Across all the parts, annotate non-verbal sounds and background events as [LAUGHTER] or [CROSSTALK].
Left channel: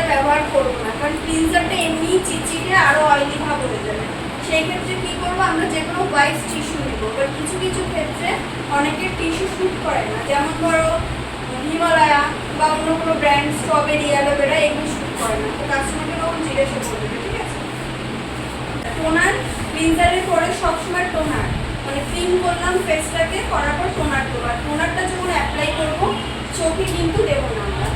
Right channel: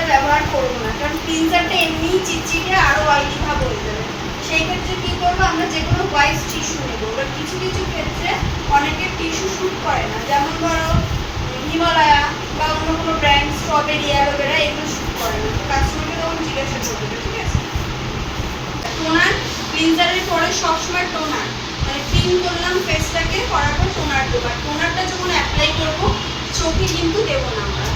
Cleanser ব্যবহার করব না, কারণ ক্লিনজারটা এমনিই চিটচিটে আরও অয়েলি ভাব হয়ে যাবে। সেই ক্ষেত্রে কী করব, আমরা যে কোনো হোয়াইট টিস্যু নেব এবার কিছু কিছু ক্ষেত্রে অনেকের টিস্যু শ্যুট করে না। যেমন ধরো হিমালয়া বা অন্য কোনো ব্র্যান্ড স্ট্রবেরি অ্যালোভেরা এগুলো শ্যুট করে না। তো কাস্টমারকে তখন জিজ্ঞাসা করবে, ঠিক আছে? টোনার ক্লিনজারের পরে সবসময় টোনার। মানে ক্লিন করলাম ফেসটাকে করার পর টোনার দেবো। আর টোনারটা যখন অ্যাপ্লাই করব, চোখে কিন্তু দেবো না আমরা।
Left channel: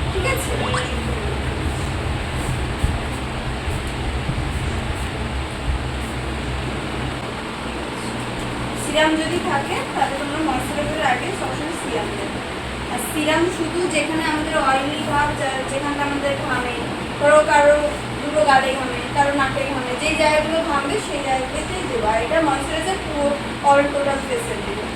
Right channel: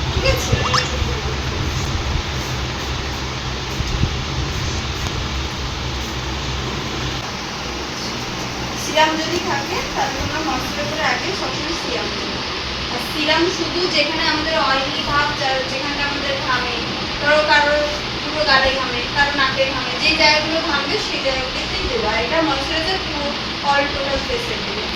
সিরাম যদি থাকে, তাহলে তোমরা ময়শ্চারাইজারের আগে সবসময় সিরাম আর সিরাম শুধু যেখানে আমাদের অয়েলি ভাব যেখানটা আমাদের ঘামে, ধরো কারও দুটো গালে ঘামে, কারও নাকে ঘামে, যে জায়গাগুলো ঘামবে সেই জায়গাগুলোতেই দেবে। আর এটা ময়শ্চারাইজার পুরো অল টোটাল ফেসে দেবে।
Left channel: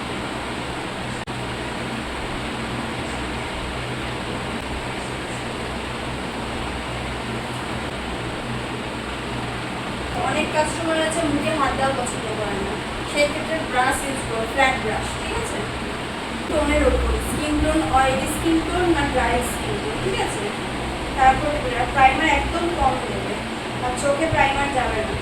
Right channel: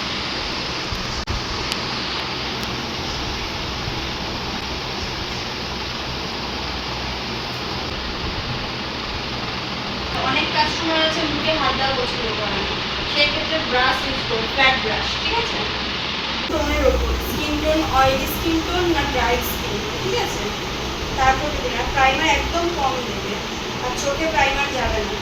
অনেক কাস্টমার আছে মুখে হাত দেওয়া পছন্দ করে না। সেই ক্ষেত্রে ব্রাশ ইউজ করে ফ্ল্যাট ব্রাশ ঠিক আছে? টোনের ওপর skin tone oily skin tone না ড্রাই স্কিন টোন ঠিক আছে? তারপরে প্রাইমার একদম কম দেবে আর চোখে প্রাইমার যাবে না।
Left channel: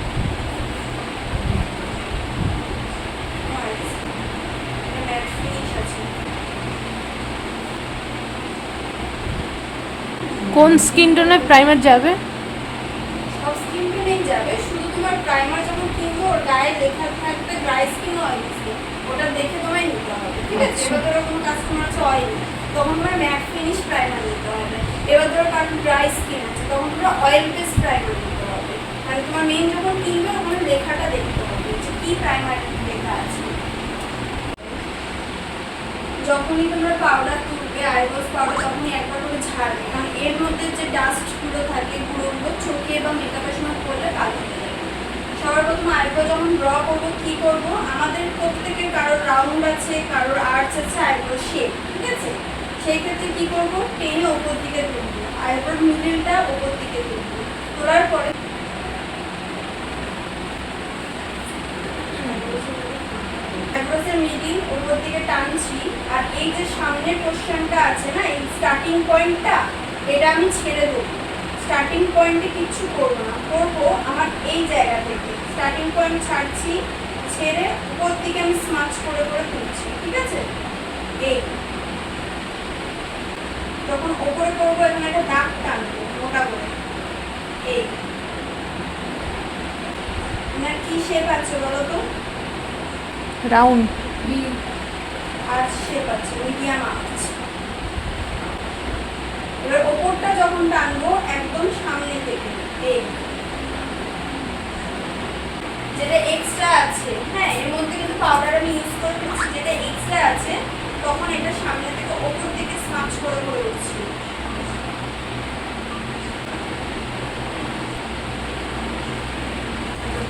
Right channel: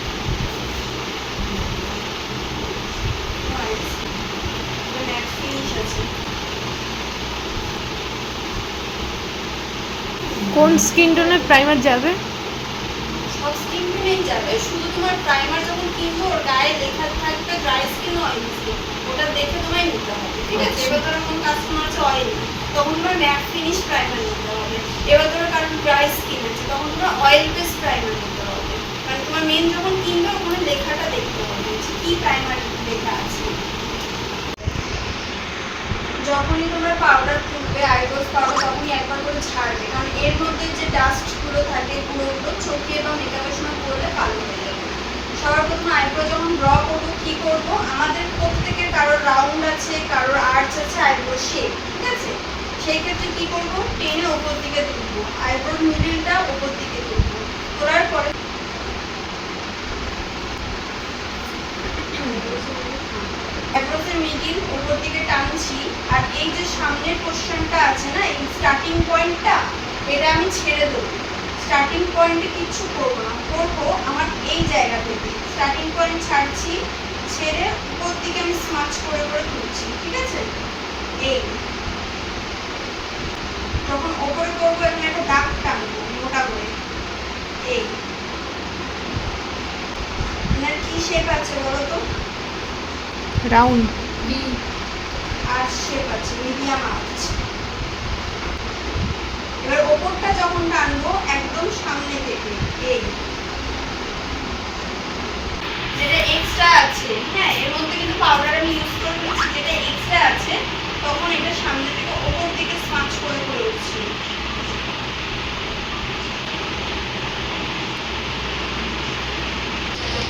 কোন স্কিন টোনের প্রাইমার যাবে? সব স্কিন টোনেই যাবে শুধু তোমার প্রাইমার যখন কিনবো ওর গায়ে লেখা ড্রাই স্কিন অয়েলি স্কিন ওটা দেখে তোমায় নিতে হবে ঠিক আছে? আচ্ছা। এবার ধরো কোনো কাস্টমার আছে অয়েলি তখন তোমার ম্যাট ফিনিশ প্রাইমার নিতে হবে। এবার ধরো কারণ ড্রাই স্কিন আছে তখন তোমার অয়েল বেস প্রাইমার নিতে হবে। মানে তোমার মেন যখন কিনবে ওখানে লেখাটা দেখতে হবে যে কি প্রাইমার লেখা আছে। যখনই তোমার পাউডার তুলবে আইব্রোস পাউডার তখনই একবার করে ঝাড়বে। কারণ এর মধ্যে যে ডাস্টগুলো থাকে গুঁড়োগুলো চোখে বা মেকআপের সময় করলে কালো হয়ে সবার প্রথমে আইব্রো যখন ড্র করব, কি করব? আমাদের প্রত্যেকের কারোর রাউন্ড আছে, কারোর আর্চ আছে, আইব্রো শেপ ঠিক আছে? সেই ক্ষেত্রে কি করব? টেনে ওপর দিকে তুলবো মিডিলটা ওপর দিকে তুলবো, তোলার পরে আইব্রোসের মিডিল উপর দিকে টানছি, আর এই যে সামনের পোর্শনটা আছে না, এই স্টার্টিং পয়েন্টটা এটা আমি ছেড়ে দেবো। স্টার্টিং পয়েন্টে কিচ্ছু করব না, করব আমার এই জায়গা থেকে। স্টার্টিং পয়েন্ট ছাড়ছি ছেড়ে উপর দিকে আমি স্মাচ করে করে তুলছি ঠিক আছে? এই। তখন ওপরে করব এখানে একটা দাগ টানবো মোটা করে। এই। এনার কি শেপ আছে বলো তো? রাউন্ড আর্চ শেপ আছে মিডিয়াম আর্চ এবার ওপরটা যখন টানবো একদম সামনে থেকে এই। যেটা এক্সট্রা আছে হ্যাঁ এর মধ্যে কিন্তু পাউডার আমি ইউজ করে দিচ্ছি, যেটা এক্সট্রা আছে, তখন এটা সামনে থেকে ওপর দিকে স্মাচ করে করে উঠছি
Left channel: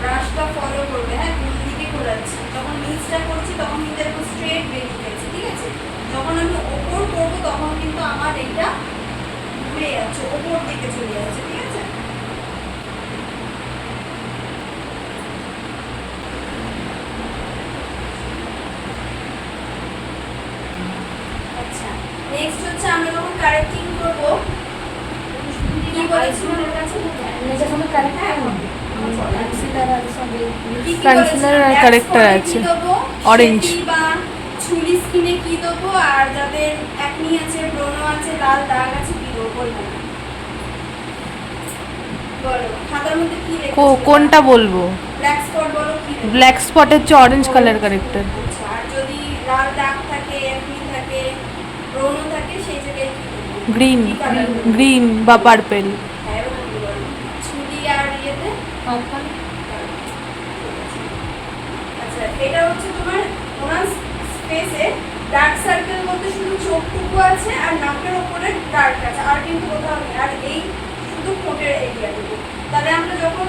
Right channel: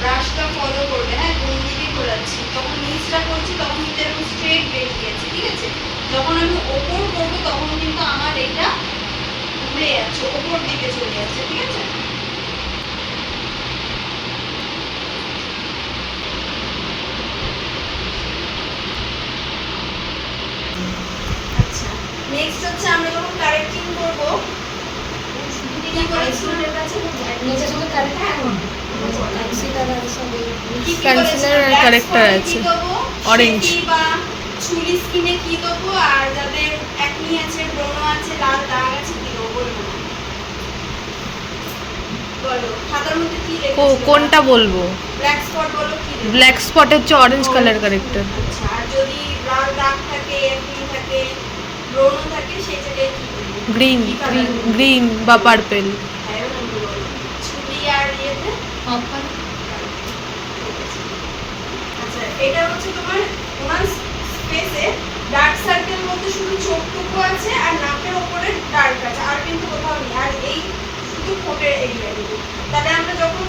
ব্রাশটা ফলো করবে হ্যাঁ কোন দিকে ঘোরাচ্ছি। তখন নিচটা করছি, তখন কিন্তু এরকম স্ট্রেট বেরিয়ে গেছে ঠিক আছে? যখন আমি ওপর করব, তখন কিন্তু আমার এটা ঘুরে যাচ্ছে, ওপর দিকে চলে যাচ্ছে, ঠিক আছে আচ্ছা নেক্সট হচ্ছে আমরা যখন কারেক্টিং করব কি করেছিলাম কি কি Concealer আর বলেছিলাম? corrector Black spot আছে। কি দেবো? Orange। সেটি বা চুলি স্কিনে কি দেবো? আর যাদের একনি আছে ব্রণ আছে লাল দাগ আছে কি দেবো বলব? কোনটা বলব? ব্ল্যাক স্পট বলো কি ব্ল্যাক স্পট হচ্ছে অরেঞ্জ কালার কারেক্টার আচ্ছা আর যদি লাল দাগ থাকে একনি থাকে ব্রণ থাকে সেই জায়গায় গ্রিন? গ্রিন বা পার্পেল হ্যাঁ আর ইয়েতে? আচ্ছা এটা হচ্ছে তোমার ওনার স্পেসে ডার্ক সার্কেল বলতে শুধু চোখটুকু আছে আর নাকের উপরে ডার্ক আছে। আর কিন্তু কোথাও নেই। আর এই শুধু ঠোঁটের এরিয়াটুকু তাহলে আমরা যখন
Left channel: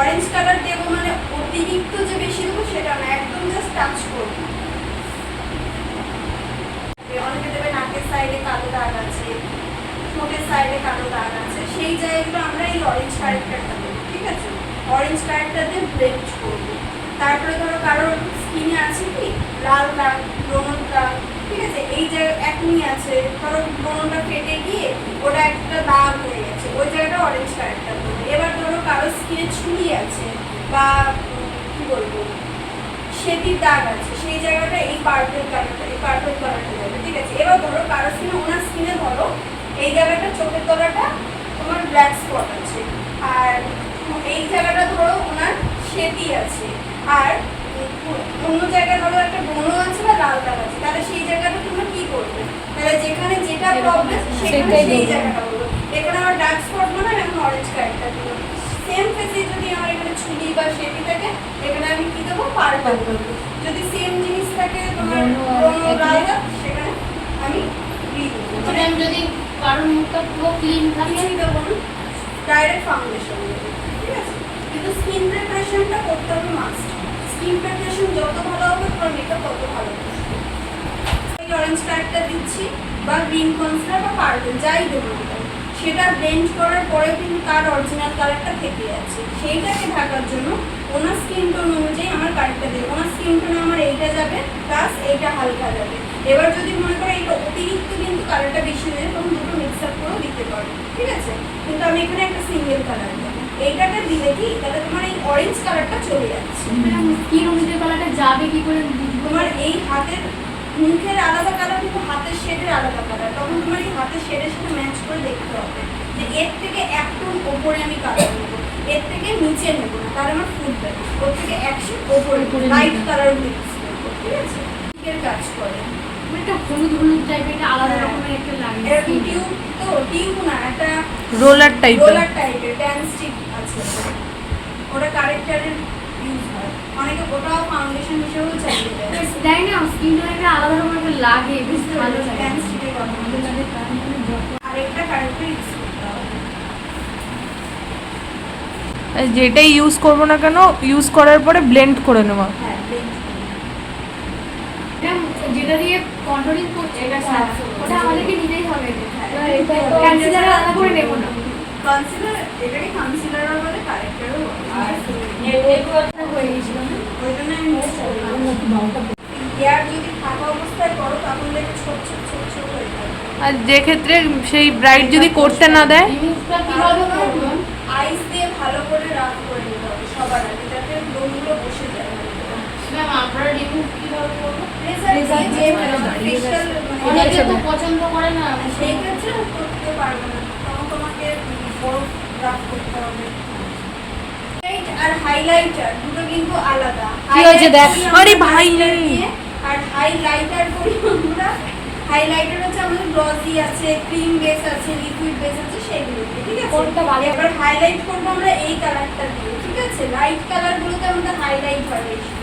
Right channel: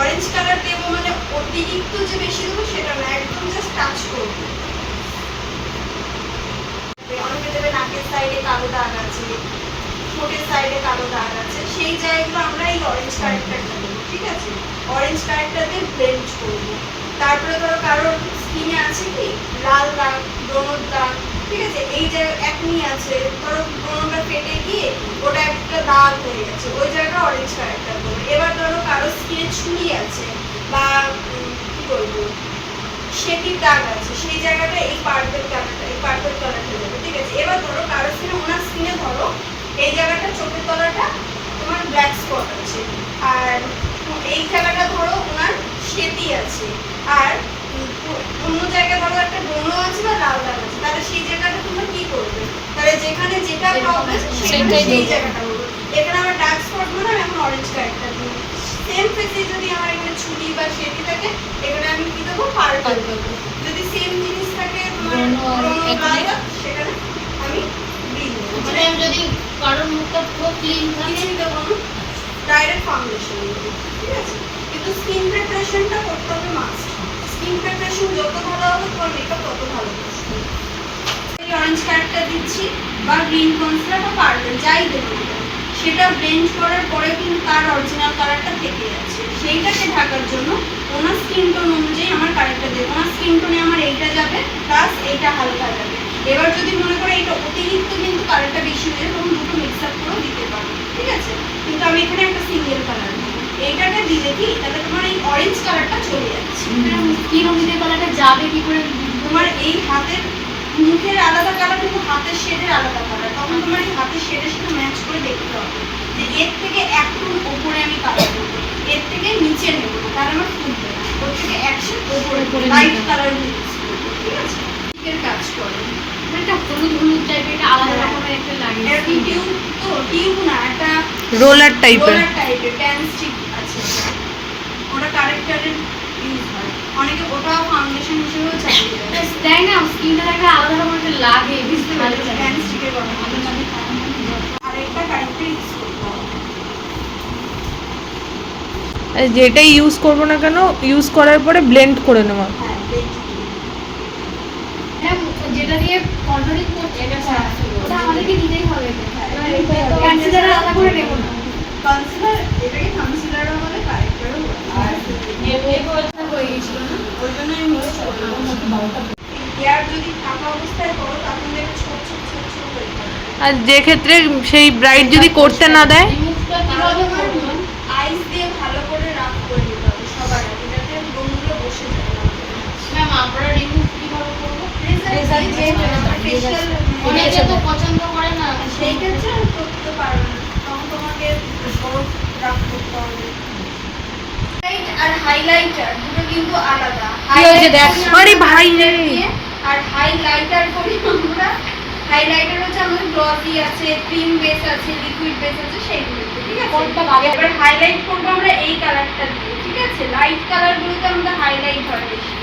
অরেঞ্জ কালার দেবো মানে অতিরিক্ত যে বেশি দেবো সেটা না একদম জাস্ট টাচ করব। অনেকে দেবে, নাকের সাইডে কালো দাগ আছে, ঠোঁটের সাইডে কালো দাগ আছে, সেই জায়গাগুলো আমরা এই অরেঞ্জ কারেক্টারটা দেবো, ঠিক আছে? অরেঞ্জ কারেক্টার দিয়ে ব্লেন্ড করব। তারপরে ধরো কারোর স্কিনে আছে কি? লাল দাগ, ব্রণর দাগ, ঠিক আছে? এই জায়গায় একমি আছে, ধরো ব্রণটা ফেটে গিয়ে ওটা একটা দাগ হয়ে গেছে, ওই জায়গাটা অরেঞ্জ কারেক্টার দেবো। এবার ধরো কারোর স্কিনে ছুরি আছে, বা কী বলব? সেটির দাগ আছে সেই জায়গাটা এই পার্পেল কালারটা এই পার্পেল কালারটা যাবে ঠিক আছে? এবার ধরো কারও স্কিনে ওনার স্কিনে ধরো এই জায়গাটা চোখের তলাটা তোমার ব্ল্যাক স্পট আছে আর এই জায়গাটা ধরো ওনার সেতি আছে আর অন্য জায়গায় ধরো একটা ব্রণ আছে বা লাল দাগ আছে তাহলে সেই জায়গাটা তোমরা কি করবে? তাহলে যেখানে যেটা প্রবলেম সেখানে সেই জায়গাটা বলব। এখানে আমার ডার্ক স্পট মানে আমি এখন অরেঞ্জ কালারটা দিব সেম ফেসে যদি আমার এখানে ছুরি বা সেটি থাকে এখানে আমি কি দেবো? পার্পল দেবো যদি সেম জিনিস থাকে তোমার সেখানে আমি গ্রিন দেবো। মানে আমি যদি কারোর মুখটা পুরো ক্লিন থাকে? দেবো না। ডাইরেক্ট ফাউন্ডেশন দেবো ঠিক আছে? কিন্তু স্কিন প্রিপারেশনটা করতে হবে মাস্ট স্কিন প্রিপারেশন যত ভালো হবে তোমার মেকআপ তত ভালো অরেঞ্জ কালারটা দিচ্ছি বা গ্রিন কনসিলার বা পার্পল যাই দেবো সেটা ব্লেন্ড করার পরে কিন্তু তার অরিজিনাল কালারটা থেকে যাচ্ছে। সেইটাকে ঢাকার জন্য ওনার স্কিন টোন অনুযায়ী আমার কালারটা দেবে। ওনার স্কিন টোনে আমার এইটা যাবে প্লাস এইটা হালকা যাবে। এবার যদি মনে করে এটা অতিরিক্ত কিন্তু কালারটা বেশি হয়ে যায় তখন দুটো মিক্স আপ করেও দিতে পারো। ঠিক আছে? কিন্তু আমি এখানে একটা সিঙ্গেল কালার দেবো। এইটাকে দিলে কি? তাহলে তোমার এই অরেঞ্জ কালারটা চলে যাচ্ছে। স্কিন অনুযায়ী কালারটা যাবে কি করে? তোমার এই হাতের মুখের আলাদা কালার কিন্তু হাতের শেডের আলাদা কালার তখন তোমার এই হাতের শেডের সাথে ম্যাচ করে দেখতে হবে যে এর থেকে একটু ওপরে আমি কালার নেব এর থেকে নিচে নেব না তাহলে আমার ফুটবে না। ওর থেকে এক শেড ওপরে ওপরে লাইট কালার মিক্স করব ঠিক আছে? এর কাজ করে। একটা হলুদ হলুদ টাইপের একটা আলাদা রকমের একটা লাইন এরকম টিউব তো টিউব না একটা রোলার টাইপের রোলার টাইপের প্যান স্টিক আছে। ওটা কারেক্টারের ইউজ হয়। অনেকে ওটাও ফাউন্ডেশন হিসেবেও চালিয়ে দেয়। দেয় না? স্কিনটা একটা আলাদা রকমের একটা লাগে বুঝতে পারছি। মানে যেটাই ইউজ করব না কেন ইউজ করার পরে ব্লেন্ড করে নেওয়া হ্যাঁ যেটা দিয়ে কন্ট্রোলিং করছে এটা হ্যাঁ। আমাদেরকে দিতেই হবে হ্যাঁ, এটা তো কনসিলার আলাদা করে নেব না। কনসিলার এটাকে কনসিলারও বলে কারেক্টারও বলে। হয়ে গেছিল না? ওই জন্য আমি মিক্স করলাম। আর যে ক্ষেত্রে সেই ব্রাইট যদি করতে না দেয়? রিমুভটা কীভাবে করব আইস দিয়ে ভালো করে রাফ করে নিতে হবে সবার আগে যাতে ব্রণগুলো বসে যায়। ম্যাম আমরা রিমুভ কীভাবে করব রেজাল্ট দিয়ে যে facial অনেকে তো পছন্দ করে না সেই ক্ষেত্রে করতে পারব না। তখন তোমাকে বরফ রাফ করতে হবে। আর হাইলাইটার দুটো কিন্তু আলাদা। কি হয়েছে দেখ? আরে ভাই রে। হাইলাইটার করি আমরা। হাইলাইটার হচ্ছে আমাদের গ্লসি আছে ক্রিম বেস আছে লিকুইড বেস আছে সেইগুলো ঠিক আছে? কোনটা ভালো? এবার হাইলাইট করব আমরা এই কালারটা দিয়ে ঠিক আছে? লাইট কালারগুলোতে আমাদের হাইলাইট হয় বেশি।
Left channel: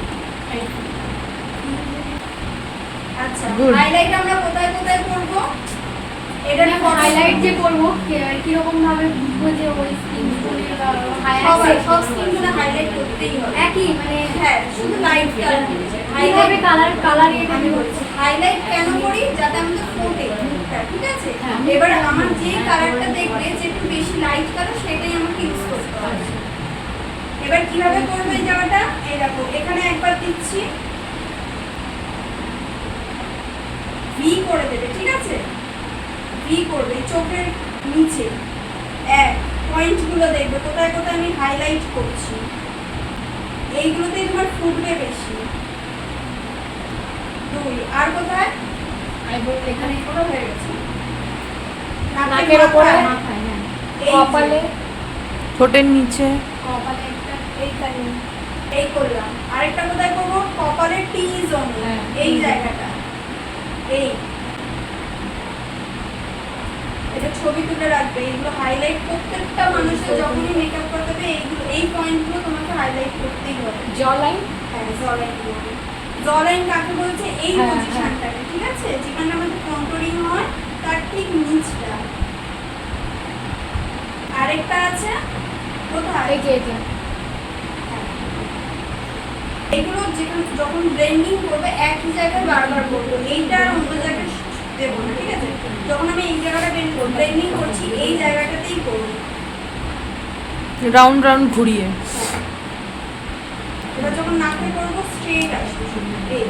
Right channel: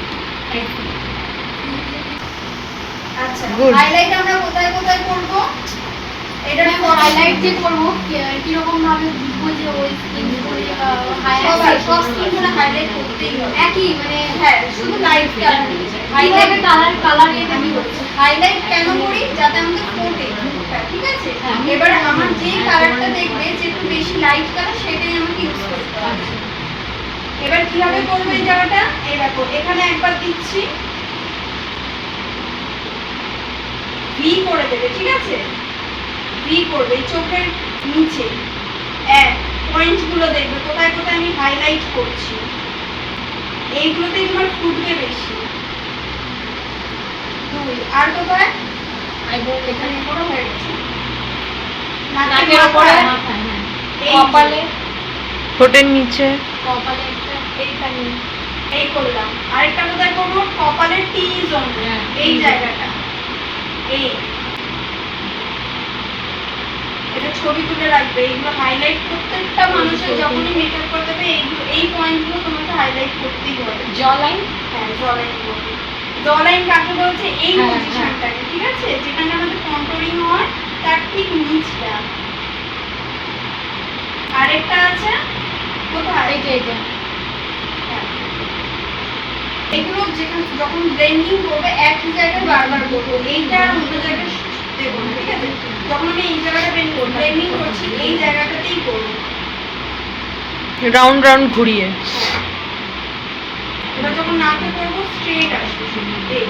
আচ্ছা হাইলাইট আমরা কোথায় কোথায় করব? এটা হাইলাইট যে করব কি রকম ভাবে বুঝব যে ওই স্কিন সবাই হাইলাইট সব হাইলাইট করতেই হবে। একই মানে হ্যাঁ শুধু লাইট হাইলাইট কালার কালার এটা আমি হাইলাইট কেন করি? যাতে আমাদের ফোটে। ঠিক আছে? হ্যাঁ। এবার আমার যে কালারটা দেখবে যে একটু বেশি লাইট কালার সেটাই আমাকে ইউজ করতে হবে। এবার কীভাবে করব এই জায়গাটা এই দেখো এখানে একবার দিচ্ছি। ভি করে দেবে ঠিক আছে? ভি করবে চোখের নিচে। এক পয়েন্টগুলো দেখবে কোথায় কোথায় আমি হাইলাইট করছি। এইগুলোতে তোমার ফুটবে বেশি। দুই আর কোথায়? আইবো এখানে বড় হয়ে গেছে। নাকের হ্যাঁ। এই কপালে? ঠোঁটের নিচে। কপালে একটা এইখানে। এই করলাম। আরেকটা কোথায় করব? কপালের টি জোন হ্যাঁ, এই জায়গাটা এই এটা ছবি তুলে রাখবে এইগুলো হাইলাইট প্রত্যেকটা মানুষের যখনই মেকআপ করতে হবে এইগুলো এই পয়েন্টগুলো তোমাকে হাইলাইট করতেই হবে। জ লাইন হ্যাঁ জলাইন বলবে জলাইন কাকে বলছে? এই হ্যাঁ, পজিশনটাকে ঠিক আছে? যেখানে আমাদের কন্ট্রোলিং হয় তার ঠিক নিচটা। আরেকটা আছে? কোথায়? এই যে এই যে। হ্যাঁ। এগুলো যেখানে যখন ব্লেন্ডিং করবে একই জায়গায় বারবার করব এইটা আর অন্য জায়গায় দেবো না ঠিক আছে যখন আমি এই জায়গাটা ব্লেন্ডিং করছি এই জায়গাটাতেই করব রাউন্ড রাউন্ড ঘুরিয়ে। এবার যখন নাকে করব স্ট্রেট আসবে শুধু, এই।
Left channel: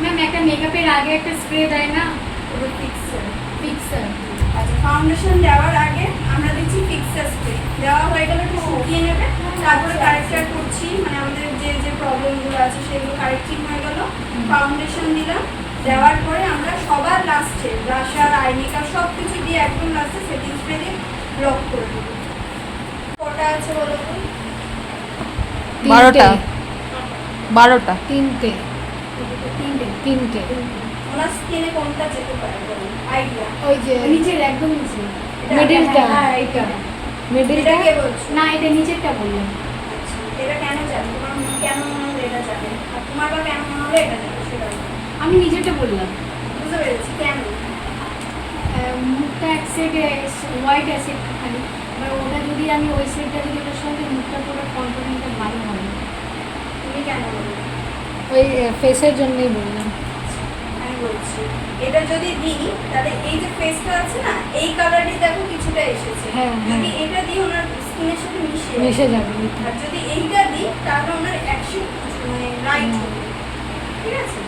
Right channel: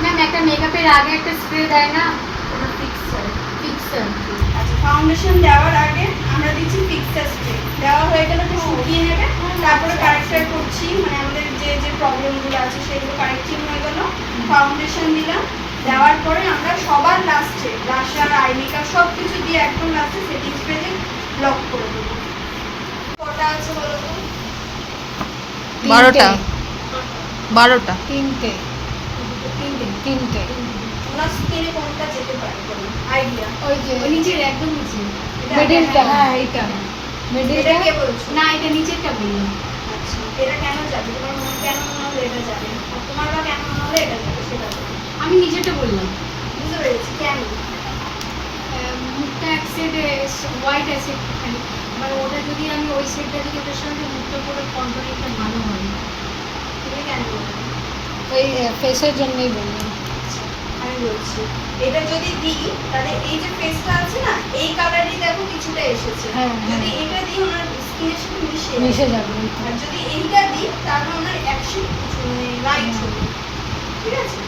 ম্যাম একটা মেকআপের আগে একটা স্প্রে দেয় না? ওটা ফিক্স ফিক্সার আচ্ছা ফাউন্ডেশন দেওয়ার আগে আমরা দিচ্ছি ফিক্সার স্প্রে দেওয়া হয়ে গেলে একটু শুকিয়ে নেবে তারপরে কারেক্টার করছি মানে আমাদের যে যে প্রবলেমগুলো আছে সেগুলো কারেক্টিং হয়ে গেল। ফাউন্ডেশন দিলাম দেওয়ার পরে আমরা সবার লাস্টে ব্রাশার আই মেকআপ সব কিছু দিয়ে একদম লাস্টে সেটিং স্প্রে দিয়ে লক করে দেবো। কটা আছে বলো তো? বারোটা। বারোটা। তিনটে। তিনটে। তিনটে। স্কিনে কোনটা যেতে পারে আইডিয়া ওই যে নিচের একদম নিচে। মিডিলটা হ্যাঁ, হ্যাঁ এটা। মিডিলটা কে বলছো? না এটা নিচেরটা বললাম। আচ্ছা এটা কেন যাবে? তোমার কেন মনে হলো এটা যাবে? আর তোমার বা কেন মনে হলো এটা যাবে? সেটা। আমি নিচেরটা বললাম বুঝতে পেরেছি কেন মুখটা এক সাইডে হোয়াইট আছে একটুখানি মানে ওটা যদি আমি ওই সাইডটা যদি এটার সঙ্গে মুখটা করে কন্ট্রোলিংটা ভালো হবে তুমি কেন বললে ওই ফেসের জন্যই বললাম আচ্ছা, আমি বলছি এটা যদি দিই তাহলে এই যে ফেসটা আছে না এই কালারই দেখো কিছুটা এসেছে হ্যাঁ, হ্যাঁ। যদি এটা দিই ওনার স্কিনের সাথে মিশে। মিশে যাবে এইটা। আর যদি এইটা দিই তাহলে ওনার অ্যাকশন মানে রাইট হ্যাঁ। হবে ঠিক আছে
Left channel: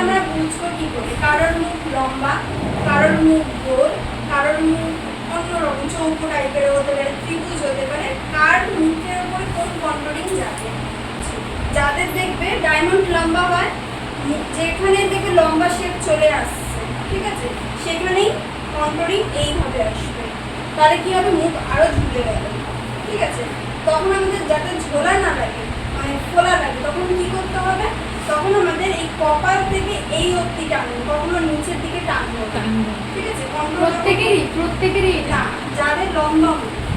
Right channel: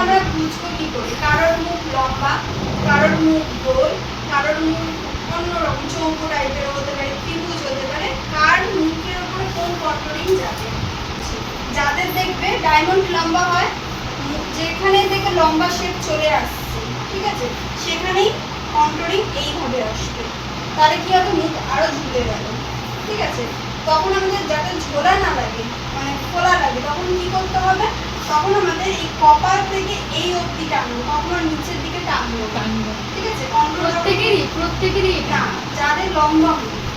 আমরা বুঝব কি করে? কারোর মুখ লম্বা, কারোর মুখ গোল, কারোর মুখ অন্যরকম, চৌকো টাইপের হতে পারে, ত্রিভুজ হতে পারে। কার মুখের উপরে কোন কন্ট্রোলিং যাবে? যাদের দেখবে ডায়মন্ড লম্বা হয়, যেখানে থেকে লম্বা শেপ চলে আসছে, ঠিক আছে? সেখানেই কন্ট্রোলিং এইভাবে আসবে। তাহলে কি হবে? মুখ আরও ঝুলে গেল, ঠিক আছে? তখন আমাদের যাতে ঝোলা না লাগে মানে খোলা লাগে, তখন কি করতে হবে? তখন আমাদের এই কপাল থেকে এই অবধি টানবো কখনো নিচের দিকে টানবো। টানবো। ঠিক আছে? প্রত্যেকেরই প্রত্যেকেরই না যাদের লম্বা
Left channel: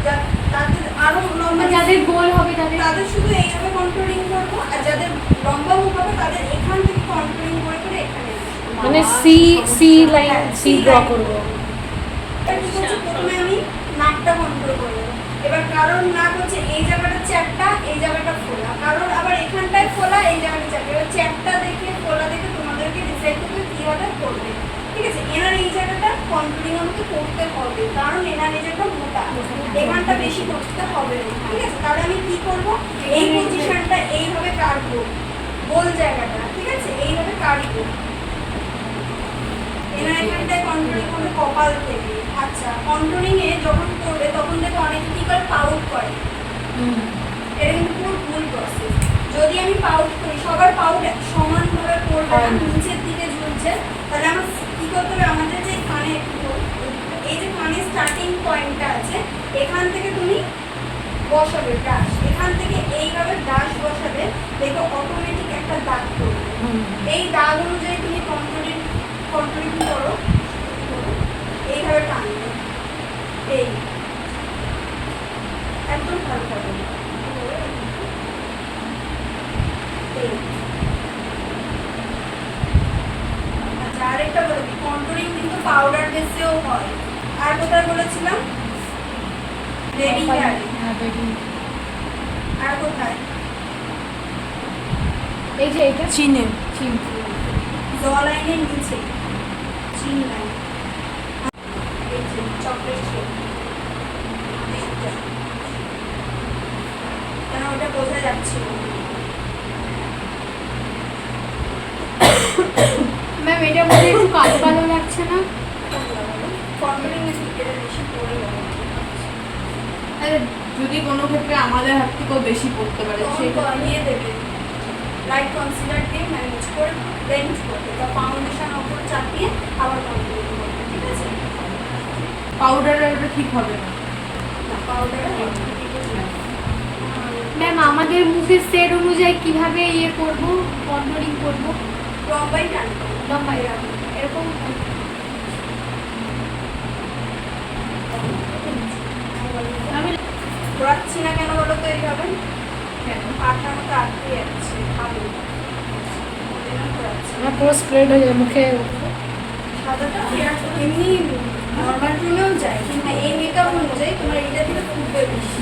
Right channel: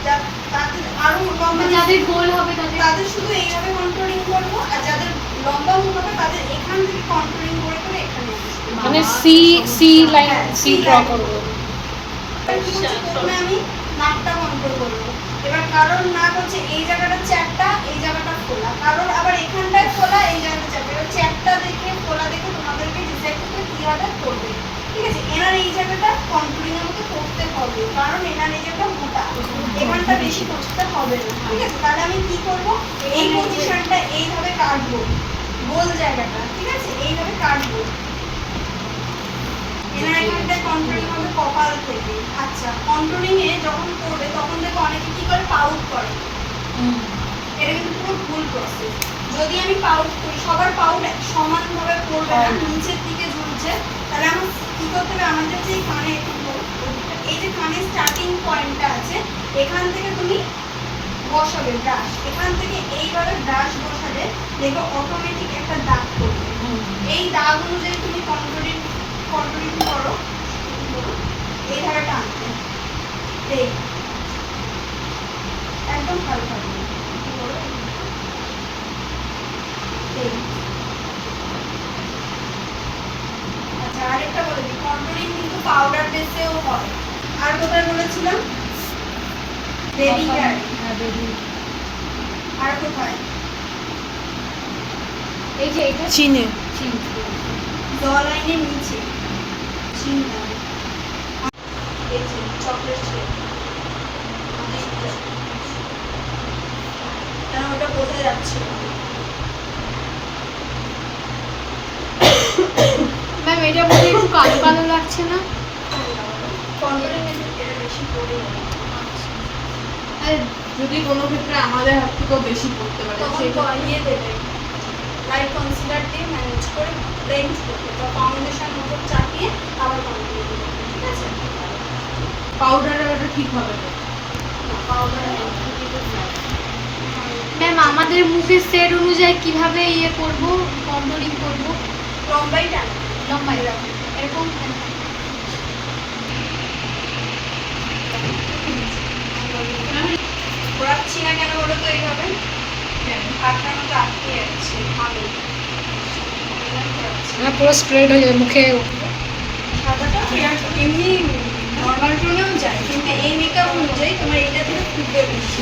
যা- তাদের আরও লম্বা মানে যাদের গোল হবে তাদের তাদের শুধু এইভাবে কন্ট্রোলিং করব আর যাদের লম্বা মুখ হবে তাদের এখান থেকে কন্ট্রোলিং করে করে এখানে মানে সি সি লাইন হ্যাঁ, সি ড্র করব। প্রথমে আমি নাকটা কন্ট্রোল করব। এবার কারোর নাক হচ্ছে এই জায়গাটা চ্যাপটা, এই জায়গাটা খোলা কারোর আবার এখানটায় খোলা এই জায়গাটা চ্যাপটা। এবার চ্যাপটা দেখে খোলা দেখে তোমাদেরকে ডিসাইড করতে কীভাবে করবে। ঠিক আছে? এনার এই জায়গাটা কন্ট্রোলিং আমাকে করতে হবে, কারণ এনার এই জায়গাটা মোটা। এখানটা বেশি করতে হবে না। ঠিক আছে? তাহলে আমি কি করব? এই পজিশনটা এইভাবে কাটবো। গোল জায়গাটা। ঠিক আছে? এইভাবে কাটবো। এনার এখানটায় কন্ট্রোলিং হবে কপাল থেকে। আচ্ছা কন্ট্রোলিং এ যখন করবে তখন দেখো অনেকে কি করে পাউট করে এটা কিন্তু পুরো ভুল প্রসেস যদি আমি পাউট করি সবার পাউট সমানভাবে করবে না নিচের দিকে ঝুলছে তাহলে আমার কি করতে হবে আমাদের যে কানে এই যে কানে স্টার্টিং পয়েন্টটা আছে এখান থেকে তুমি বসাবে ব্রাশ এখান থেকে এইভাবে ব্রাশ বসালে দেখো অটোমেটিক একটা দাগ করবে এই দাগ অনুযায়ী তুমি কন্ট্রোলিং কন্ট্রোলিং করো এইভাবে টানবে এই একদম ভালো হবে এই। আচ্ছা আরেকটা বলে দিই কন্ট্রোলিং কিন্তু পাউডার বেসেও হয় কোথায় বলেছিলাম? বেবি হেয়ারে হ্যাঁ বেবি আর কোথায়? এই যে এটা? চিনে। চিন। জ লাইনের নিচে। চিন লাইন এই যে চকলেট শেপ কেন ওটা বোঝা যাচ্ছে ম্যাম [COUGHS] এটা মধ্যে একটু কালো কালো লাগছে না? যদি কোনো ক্ষেত্রে আমাদের হাত থেকেও বেশি পড়তে পারে সেক্ষেত্রে কমিয়ে দেবে। লাইট কনসিলার দিয়ে ম্যানেজ করে ব্লেন্ড করবে। তো ফাউন্ডেশন ওপর চাপিয়ে আবার কন্ট্রোল করবে ঠিক আছে? পাউডারটা ওটা ঠিক হবে না। পাউডার ম্যাম আমাদের মুখের সেট অনুযায়ী কীভাবে ইয়ে করব কন্ট্রোলিং করব? লম্বাই টানবে লম্বাই রাখব। এরকম ঘোরাচ্ছি না কেন বলো তো এইভাবে? আঠার মতো আটকে যাচ্ছে হ্যাঁ পুরো স্প্রেড হয়ে যাবে মুখে সাদাটা এমনি নর্মাল টোনেও যায় কিন্তু এই মেকআপ অনুযায়ী তোমার এইটা থেকে ফুটবে বেশি।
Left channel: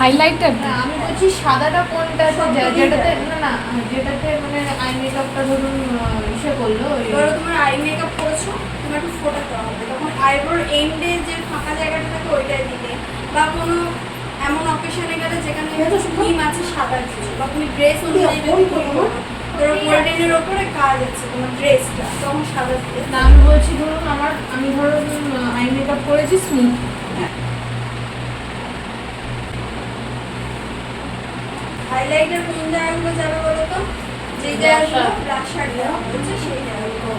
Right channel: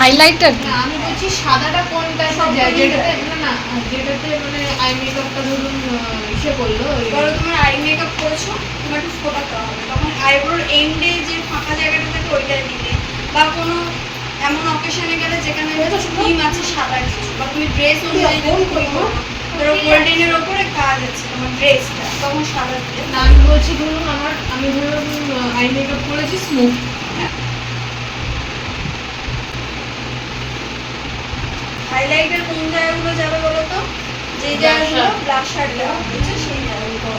হাইলাইটার না, আমি বলছি সাদাটা কোনটা সব যেটাতে না না যেটাতে মানে আই মেকআপটা ধরুন ইসে করল ধরো তোমার আই মেকআপ করেছ তোমার একটু ফোটাতে হবে তখন আইব্রোর এন্ডে যে ফাঁকা জায়গাটা থাকে ওইটাই দিলে। বা কোনো এমন অকেশনে গেলে যেখানে ক্রিম আছে সাদা কিছু। বা তুমি ড্রেস অনুযায়ী ধরো গোল্ডেনের ওপরে কাজ আছে তোমার ড্রেসটা তখন সাদা দিলে। আমি বলছি ধরুন আমার আমি ধরো আই মেকআপ করেছি স্মুথ হাইলাইটার কোন জায়গাগুলো যাবে বলো তো? যে জায়গাগুলো ব্লাশ শার্ট দেওয়া হয়েছে সেই জায়গাগুলো